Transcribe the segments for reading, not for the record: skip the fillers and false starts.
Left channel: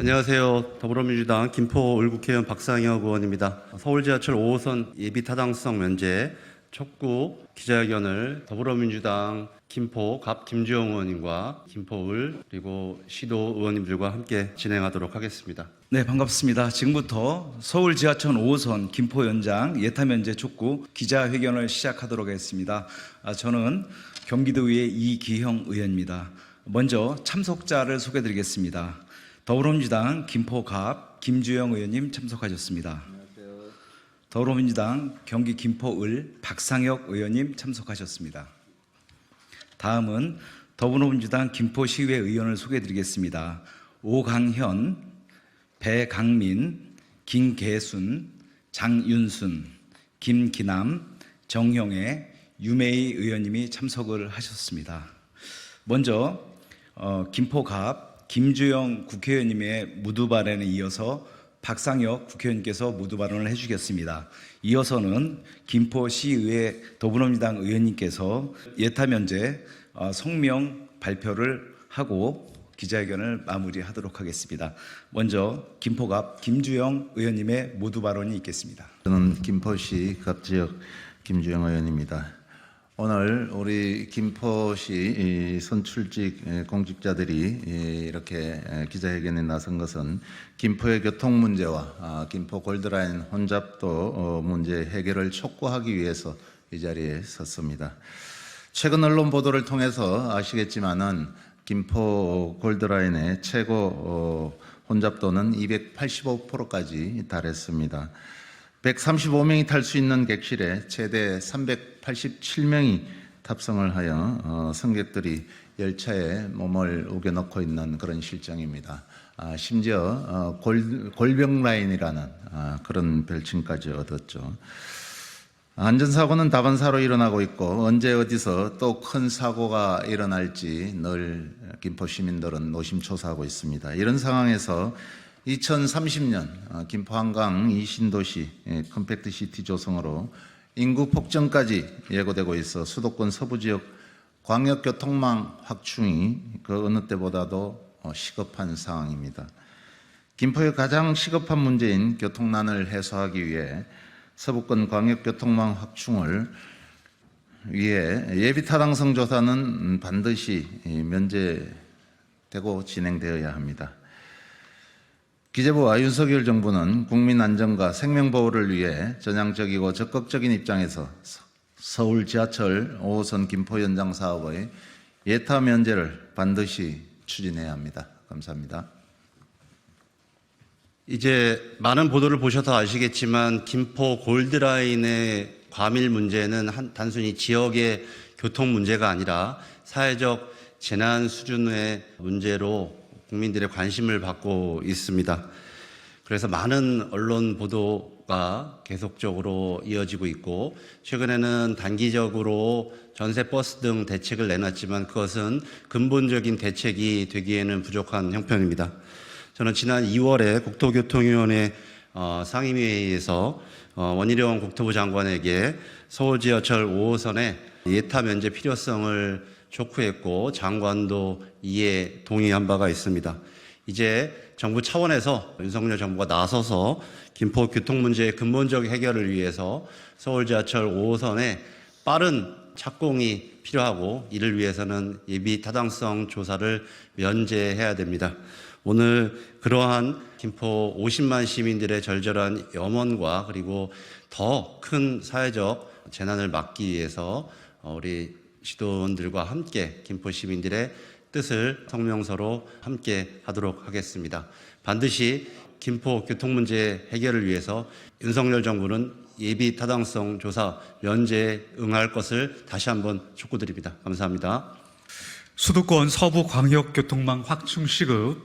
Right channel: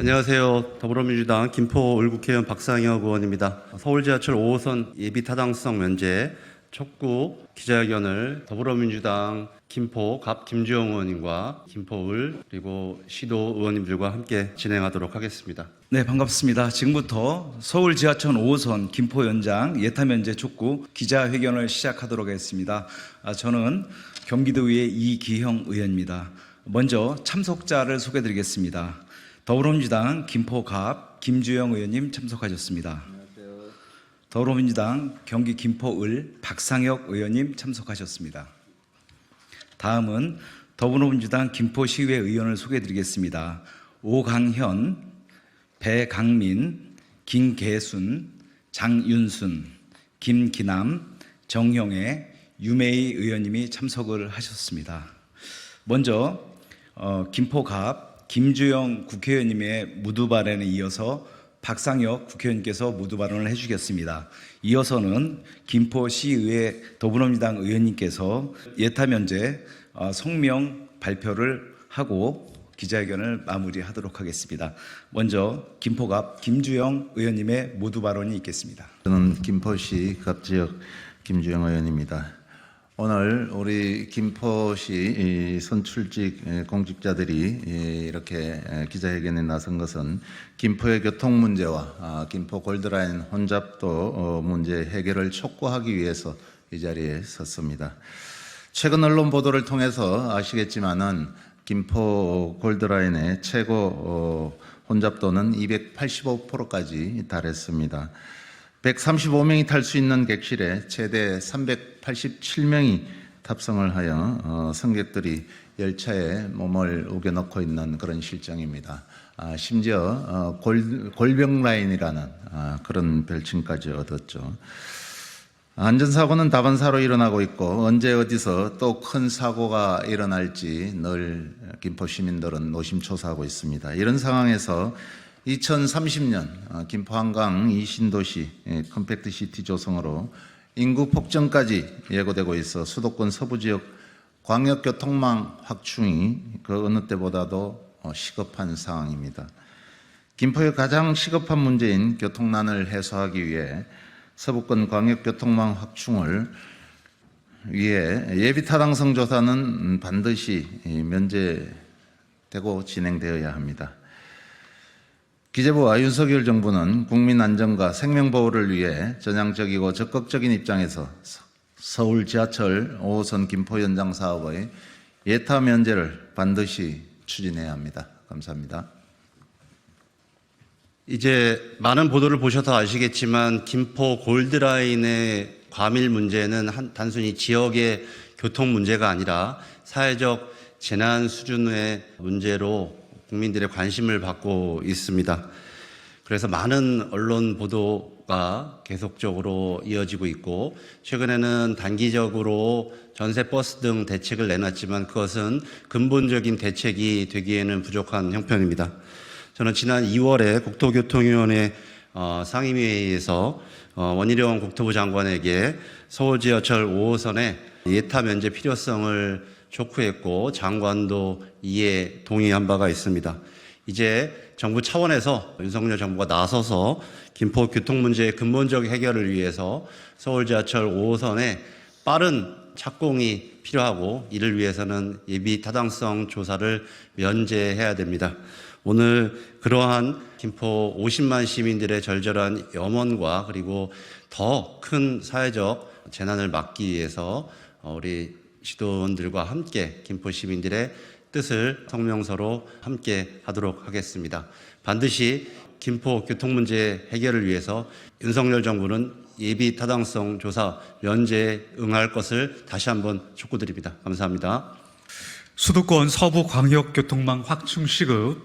안녕하세요. 더불어민주당 김포 을국회의원 박상혁 의원입니다. 서울지하철 5호선 예비 타당성 면제 촉구 기자회견을 더불어민주당 김포 갑 김주영 의원님과 김포을 그리고 시도 의원님들과 함께 진행하도록 하겠습니다. 네, 반갑습니다. 지금부터 서울 지하철 5호선 김포 연장 예타 면제 촉구 기자회견을 시작하도록 하겠습니다. 저는 경기도의회 이기형 의원입니다. 먼저 참석자를 소개드리겠습니다. 더불어민주당 김포 갑 김주영 의원님 참석하셨습니다. 안녕하세요. 더불어민주당 경기 김포을 박상혁 의원님 참석하셨습니다. 다음은 더불어민주당 김포시의회 의원을 소개해드리겠습니다. 오강현, 배강민, 김계순, 장윤순, 김기남, 정형애, 유메이 의원님이 참석을 하셨습니다. 먼저 김포갑 김주영 국회의원님의 무드 발언에 이어서 박상혁 국회의원께서 무드 발언을 해주겠습니다. 이어서는 김포시의회 더불어민주당 의원님께서 예타 면제 성명 발표를 하고 기자회견을 마무리하도록 하겠습니다. 먼저 김포갑 김주영 의원님의 무드 발언이 있겠습니다. 저는 김포시 갑지역 김주영 의원입니다. 오늘 우리 김포시 선출직 공직자들이 이렇게 기자회견에 나선 것은 김포의 교통 문제와 김포 골드라인 혼잡도 문제 해결을 촉구하기 위해서 이 자리에 섰습니다. 최근 언론 보도를 통해서 아시겠지만은 김포 골드라인의 최고 혼잡도는 285%까지 달했습니다. 135명이 탈 수 있는 객실에 최대 387명이 탑승을 하여 승객들이 열차에 몸을 우겨넣고 있는 그런 실정입니다. 심지어 골병 라인이라는 그런 별칭까지 얻었죠. 안전사고는 다반사로 일어나고 있고 언제 어디서 또 큰 사고가 일어날지 늘 김포 시민들은 노심초사하고 있습니다. 이런 상황에서 2030년 김포 한강 이신도시 컴팩트시티 조성으로 인구 폭증까지 예고되고 있어 수도권 서부지역 광역교통망 확충이 그 어느 때보다도 시급한 상황입니다. 김포의 가장 시급한 문제인 교통난을 해소하기 위해 서부권 광역교통망 확충을 위해 예비타당성 조사는 반드시 면제되고 진행되어야 합니다. 기재부와 윤석열 정부는 국민 안전과 생명보호를 위해 전향적이고 적극적인 입장에서 서울 지하철 5호선 김포 연장 사업의 예타 면제를 반드시 추진해야 합니다. 감사합니다. 이제 많은 보도를 보셔서 아시겠지만 김포 골드라인의 과밀 문제는 단순히 지역의 교통 문제가 아니라 사회적 재난 수준의 문제로 국민들의 관심을 받고 있습니다. 그래서 많은 언론 보도가 계속적으로 이어지고 있고 최근에는 단기적으로 전세 버스 등 대책을 내놨지만 그것은 근본적인 대책이 되기에는 부족한 형편입니다. 저는 지난 2월에 국토교통위원회 상임회의에서 원희룡 국토부 장관에게 서울지하철 5호선의 예타 면제 필요성을 촉구했고 장관도 이에 동의한 바가 있습니다. 이제 정부 차원에서 윤석열 정부가 나서서 김포 교통 문제의 근본적 해결을 위해서 서울지하철 5호선에 빠른 착공이 필요하고 이를 위해서는 예비 타당성 조사를 면제해야 됩니다. 오늘 그러한 김포 50만 시민들의 절절한 염원과 그리고 더 큰 사회적 재난을 막기 위해서 우리 시도원들과 함께 김포 시민들의 뜻을 성명서로 함께 하도록 하겠습니다. 반드시 김포 교통 문제 해결을 위해서 윤석열 정부는 예비 타당성 조사 면제에 응할 것을 다시 한번 촉구드립니다. 감사합니다. 수도권 서부 광역교통망 확충 시급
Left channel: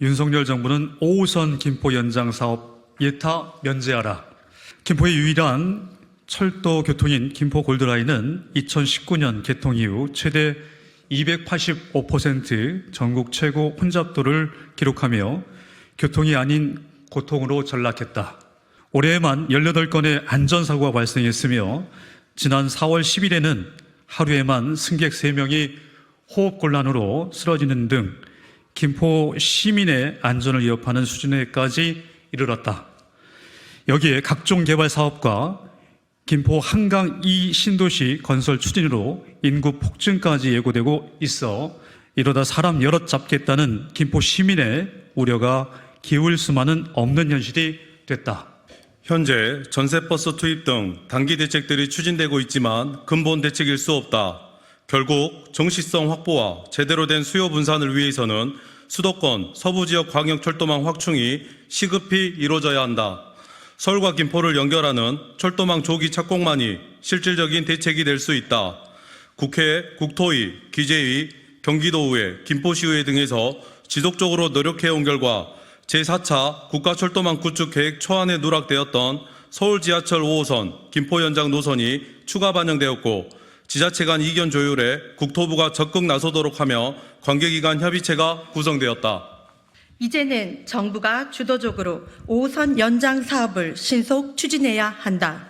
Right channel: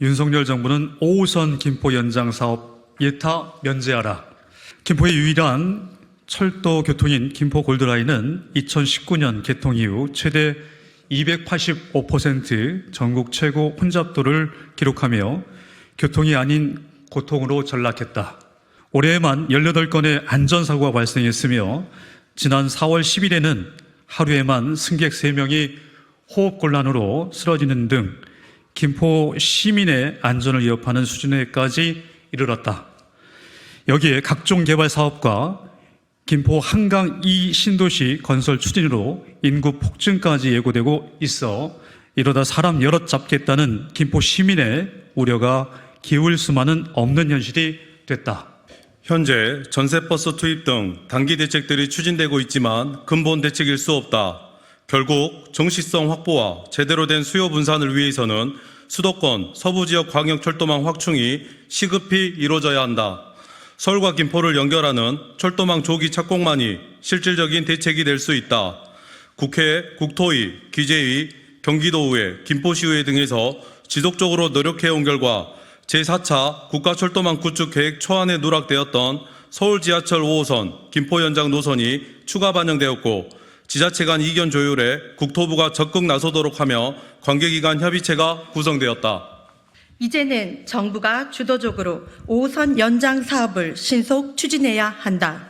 윤석열 정부는 5호선 김포 연장 사업 예타 면제하라. 김포의 유일한 철도 교통인 김포 골드라인은 2019년 개통 이후 최대 285% 전국 최고 혼잡도를 기록하며 교통이 아닌 고통으로 전락했다. 올해에만 18건의 안전사고가 발생했으며 지난 4월 10일에는 하루에만 승객 3명이 호흡곤란으로 쓰러지는 등 김포 시민의 안전을 위협하는 수준에까지 이르렀다. 여기에 각종 개발 사업과 김포 한강 2 신도시 건설 추진으로 인구 폭증까지 예고되고 있어 이러다 사람 여럿 잡겠다는 김포 시민의 우려가 기울 수만은 없는 현실이 됐다. 현재 전세버스 투입 등 단기 대책들이 추진되고 있지만 근본 대책일 수 없다. 결국 정시성 확보와 제대로 된 수요 분산을 위해서는 수도권 서부지역 광역철도망 확충이 시급히 이루어져야 한다. 서울과 김포를 연결하는 철도망 조기 착공만이 실질적인 대책이 될 수 있다. 국회, 국토위, 기재위, 경기도의회, 김포시의회 등에서 지속적으로 노력해온 결과 제4차 국가철도망 구축 계획 초안에 누락되었던 서울 지하철 5호선 김포 연장 노선이 추가 반영되었고 지자체 간 이견 조율에 국토부가 적극 나서도록 하며 관계기관 협의체가 구성되었다. 이제는 정부가 주도적으로 5호선 연장 사업을 신속 추진해야 한다.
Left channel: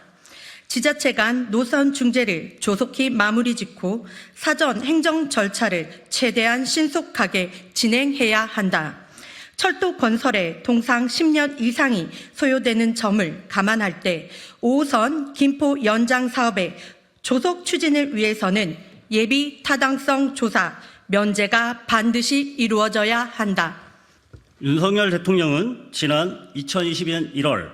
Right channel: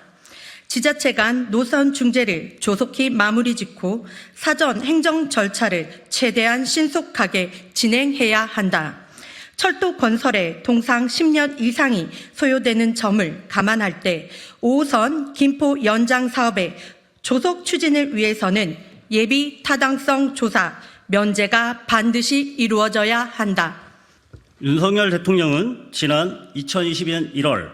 지자체 간 노선 중재를 조속히 마무리 짓고 사전 행정 절차를 최대한 신속하게 진행해야 한다. 철도 건설에 통상 10년 이상이 소요되는 점을 감안할 때 5호선 김포 연장 사업의 조속 추진을 위해서는 예비 타당성 조사, 면제가 반드시 이루어져야 한다. 윤석열 대통령은 지난 2022년 1월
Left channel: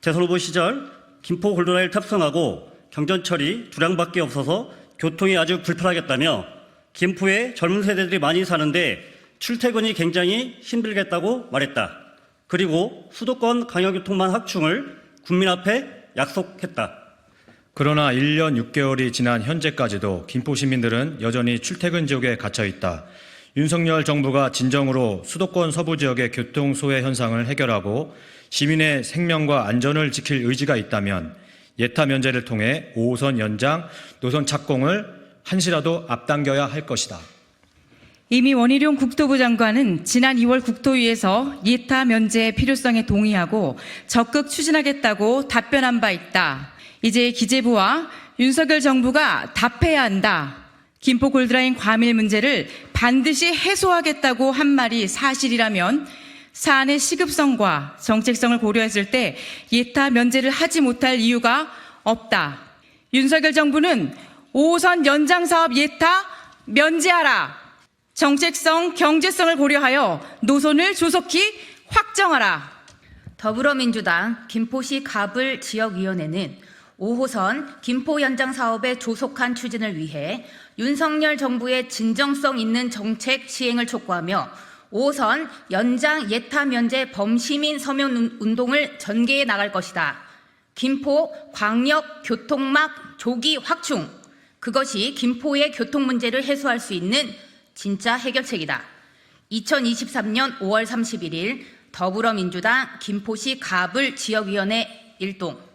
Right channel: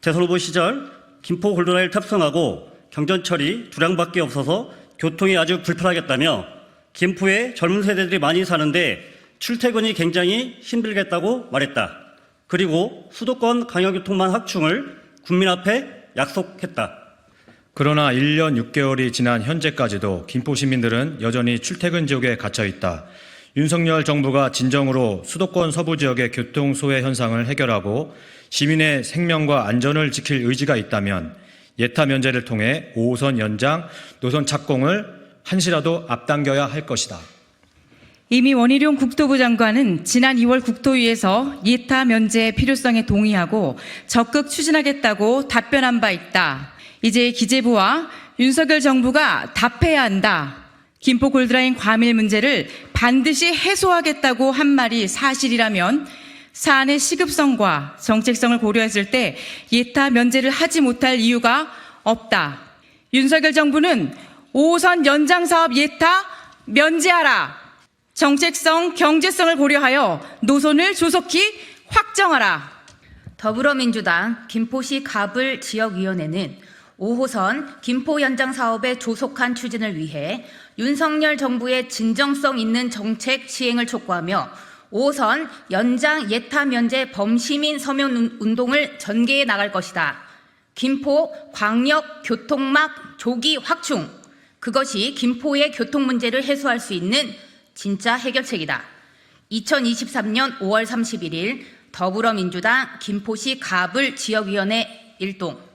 대선 후보 시절 김포 골드라인을 탑승하고 경전철이 2량밖에 없어서 교통이 아주 불편하겠다며 김포에 젊은 세대들이 많이 사는데 출퇴근이 굉장히 힘들겠다고 말했다. 그리고 수도권 광역교통망 확충을 국민 앞에 약속했다. 그러나 1년 6개월이 지난 현재까지도 김포 시민들은 여전히 출퇴근 지옥에 갇혀 있다. 윤석열 정부가 진정으로 수도권 서부 지역의 교통 소외 현상을 해결하고 시민의 생명과 안전을 지킬 의지가 있다면 예타 면제를 통해 5호선 연장 노선 착공을 한시라도 앞당겨야 할 것이다. 이미 원희룡 국토부 장관은 지난 2월 국토위에서 예타 면제의 필요성에 동의하고 적극 추진하겠다고 답변한 바 있다. 이제 기재부와 윤석열 정부가 답해야 한다. 김포 골드라인 과밀 문제를 반드시 해소하겠다고 한 말이 사실이라면 사안의 시급성과 정책성을 고려했을 때 예타 면제를 하지 못할 이유가 없다. 윤석열 정부는 5호선 연장 사업 예타 면제하라. 정책성, 경제성을 고려하여 노선을 조속히 확정하라. 더불어민주당 김포시 가불 지역위원회는 5호선 김포 연장 사업의 조속한 추진을 위해 윤석열 정부의 진정성 있는 정책 시행을 촉구하며 5호선 연장 예타 면제 범시민 서명 운동을 전개해 나갈 것이다. 김포 광역 교통막 조기 확충, 그것이 김포의 교통 문제를 해소할 수 있는 진짜 해결책이다. 2023년 5월 31일 더불어민주당 김포시 가불 지역위원회 일동.